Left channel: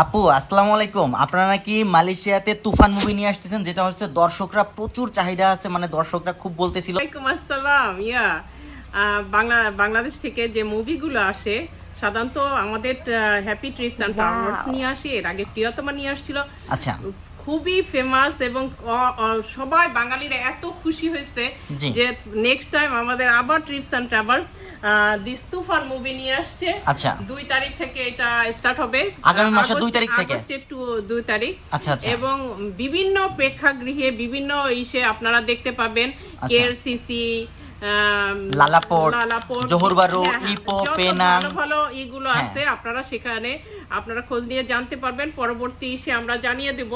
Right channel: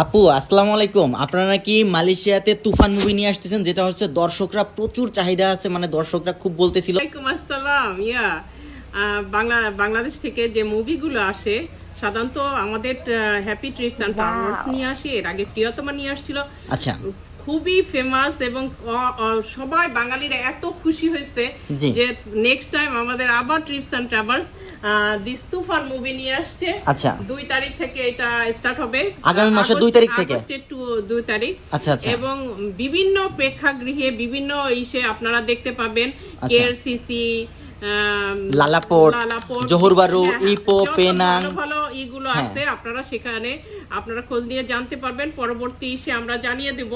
আপু আসসালামু আলাইকুম। আপনারা কি মালয়েশিয়াতে তুফান মুভি নিয়ে আসতেছেন, যেটা হচ্ছে দর্শকরা প্রচুর চাহিদা আছে, মানে দর্শকরা খুব বলতেছিল। ওয়ালাইকুম আসসালাম। বাংলাদেশ থেকে যে মুভিগুলো আসে সাধারণত আমাদের হ্যাপি ট্রিপস অ্যান্ড ট্রাভেলস নিয়ে আসে। এর আগে প্রিয়তমা নিয়ে আসছিল। আচ্ছা, খুবই ফেমাস এবং সবাই বাঙালিরা এত খুশি হয়েছে জি। যে নেক্সট টাইম আমাদের আবার TRIPS and travels this Toofan movie নিয়ে আসছে। আচ্ছা। 2 তারিখ থেকে এটা স্টার্ট হবে, আগামী মাসের 2 তারিখ থেকে। আগস্টের 2 তারিখ। আচ্ছা, আচ্ছা। এবং বিভিন্ন প্রেক্ষাগৃহে বিভিন্ন ইসে আপনারা দেখতে পাবেন। কেএলসিসি, লালাপোর্ট, জোহর বারু, ইপো, পেনাং, ভালো ভালো ইগুলো আছে। আপনারা সেখানে আপনারা খোঁজ নিয়ে জানতে পারবেন। পরবর্তী ইসে আমরা জানিয়ে দেব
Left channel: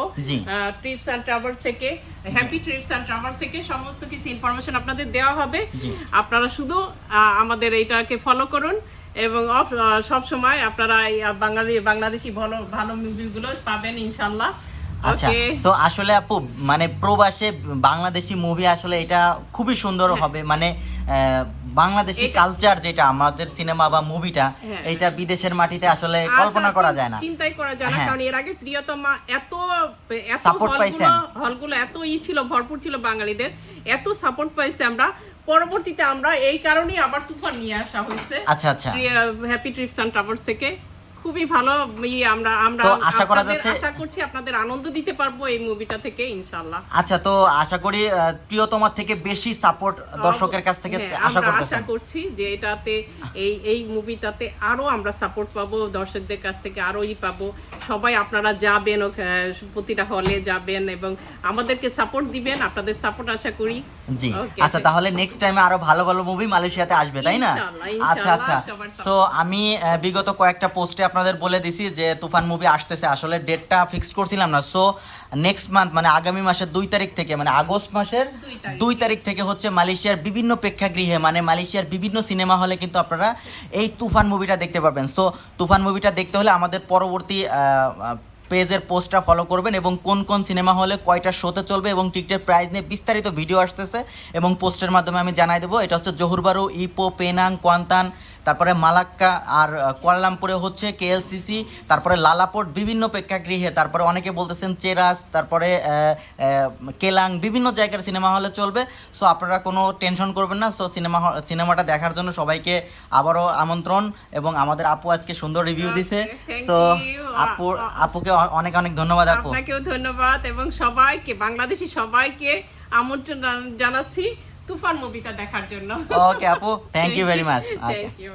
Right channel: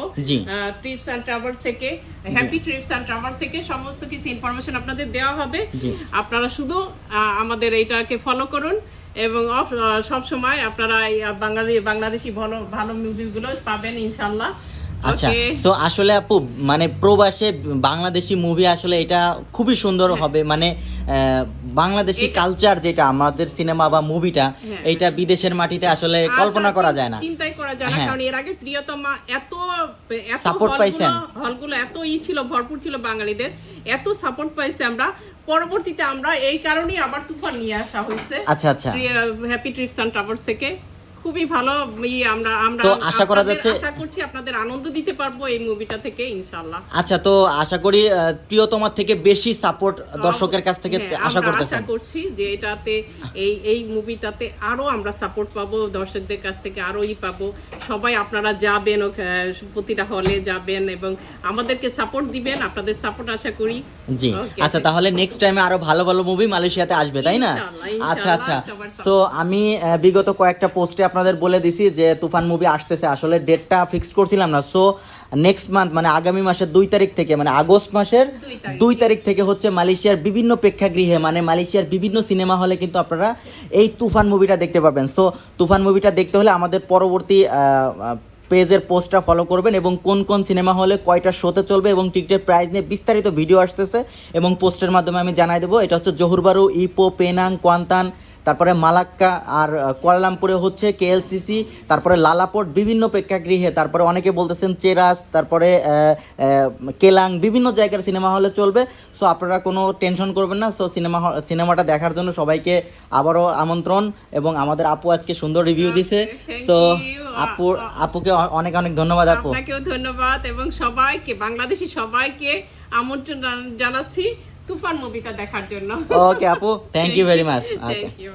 ট্রিপস অ্যান্ড ট্রাভেলস থেকে, হ্যাপি ট্রিপস অ্যান্ড ট্রাভেলস থেকে সমস্ত কিছু ইনফরমেশন আপনাদের দেওয়া হবে। আপনারা শুধু আমাদের এইটাকে ফলো করুন এবং সব সময় আপনারা বাংলাদেশি ভালো ভালো মুভিগুলো পাবেন ইনশাআল্লাহ। আচ্ছা। সো আসলে আপু মানে প্রবাসে বাংলাদেশি মুভি আসলে এটা খুবই সুন্দর হবে, মানে বাংলাদেশি কালচার যেটা আমাদের সিনেমা বা মুভিটা, এটা বিদেশের মাটিতে আসলে কল্পনা করা যায় না, চিন্তাই করা যায় না। কারণ এর আগে প্রিয়তমা এত হলগুলো এত ছিল, ভরপুর ছিল বাঙালিদের, এত সাপোর্ট পাইছে। আমরা পরবর্তীতে আমরা এই কারণেই আবার তুফান নিয়ে আসা হয়েছে। আচ্ছা আচ্ছা, হ্যাপি ট্রিপস অ্যান্ড ট্রাভেলস থেকে। খুবই ভালো। আমরা আশা করছি আপনাদের আনন্দ দিতে পারবো এই মুভিটা থেকে ইনশাআল্লাহ। আচ্ছা, তো আশা করি প্রিয়তমার থেকে বেশি সাপোর্ট দর্শকের কাছ থেকে আশা করছি যে এটাতে এই মুভিটাতে আরো আমরা সাপোর্ট পাবো, দর্শকদের কাছ থেকে আরোই পাবো। সবাই আপনারা যাবেন, প্রতিটা হলে যাবেন এবং আমাদেরকে সাপোর্ট দিবেন। আপনাদের সাপোর্ট আশা করি। জি। আচ্ছা, তাহলে নেক্সট টাইমে আরো ভালো ভালো মুভি মালয়েশিয়াতে আসবে, তাই না? আচ্ছা আচ্ছা। সো আমি বিগত কয়েকটা পোস্টে আপনাদের বলে দিছি যে তুফান মুভি আসতেছে, আসলে ডেটটা ফিক্স করছিলাম না। সো নেক্সট মান্থ মানে আগামী মাসের 2 তারিখ থেকে, মানে আগস্ট মাসের 2 তারিখ থেকে হচ্ছে মালয়েশিয়ার বিভিন্ন প্রেক্ষাগৃহে, মানে মালয়েশিয়ার বিভিন্ন সিনেমা হলে কিন্তু আপনারা এই তুফান মুভিটা দেখতে পারবেন। সো তুফান মুভিটা দেখতে হলে আমাদের পরবর্তী পেজের পোস্টটা ফলো করবেন এবং কোন কোন সিনেমা হলে কয়টা শোতে চলবে এবং টিকিটের প্রাইস নিয়ে বিস্তারিত ভিডিও আসতেছে এবং পোস্টের মাধ্যমে আমি জানাই দেবো। এটা হচ্ছে জোহর বারু, ইপো, পেনাং, কোয়ান্তান, তারপরে মালাক্কা, আর কুয়ালালামপুরে হচ্ছে কেএলসিসি, তারপরে লালাপোর্ট বিভিন্ন প্রেক্ষাগৃহে, তারপরে অনেকে বলতেছেন চেরাস, তারপরে কেলাং, বিভিন্ন জায়গার সিনেমা হলে চলবে। সো আপনারা কোনো টেনশন করবেন না। সো সিনেমাটা দেখার জন্য সবাইকে আবারও আমন্ত্রণ। এবং আমাদের আপু আজকে সুন্দর রিভিউ দিছে। সো আপুকে অনেক অনেক ধন্যবাদ। আপু আপনাকেও ধন্যবাদ এবং সবাইকে, বাংলাদেশি সবাইকে আমন্ত্রণ জানাচ্ছি তুফান মুভিটা দেখার জন্য। ওকে আপু, thank you very much. Thank you.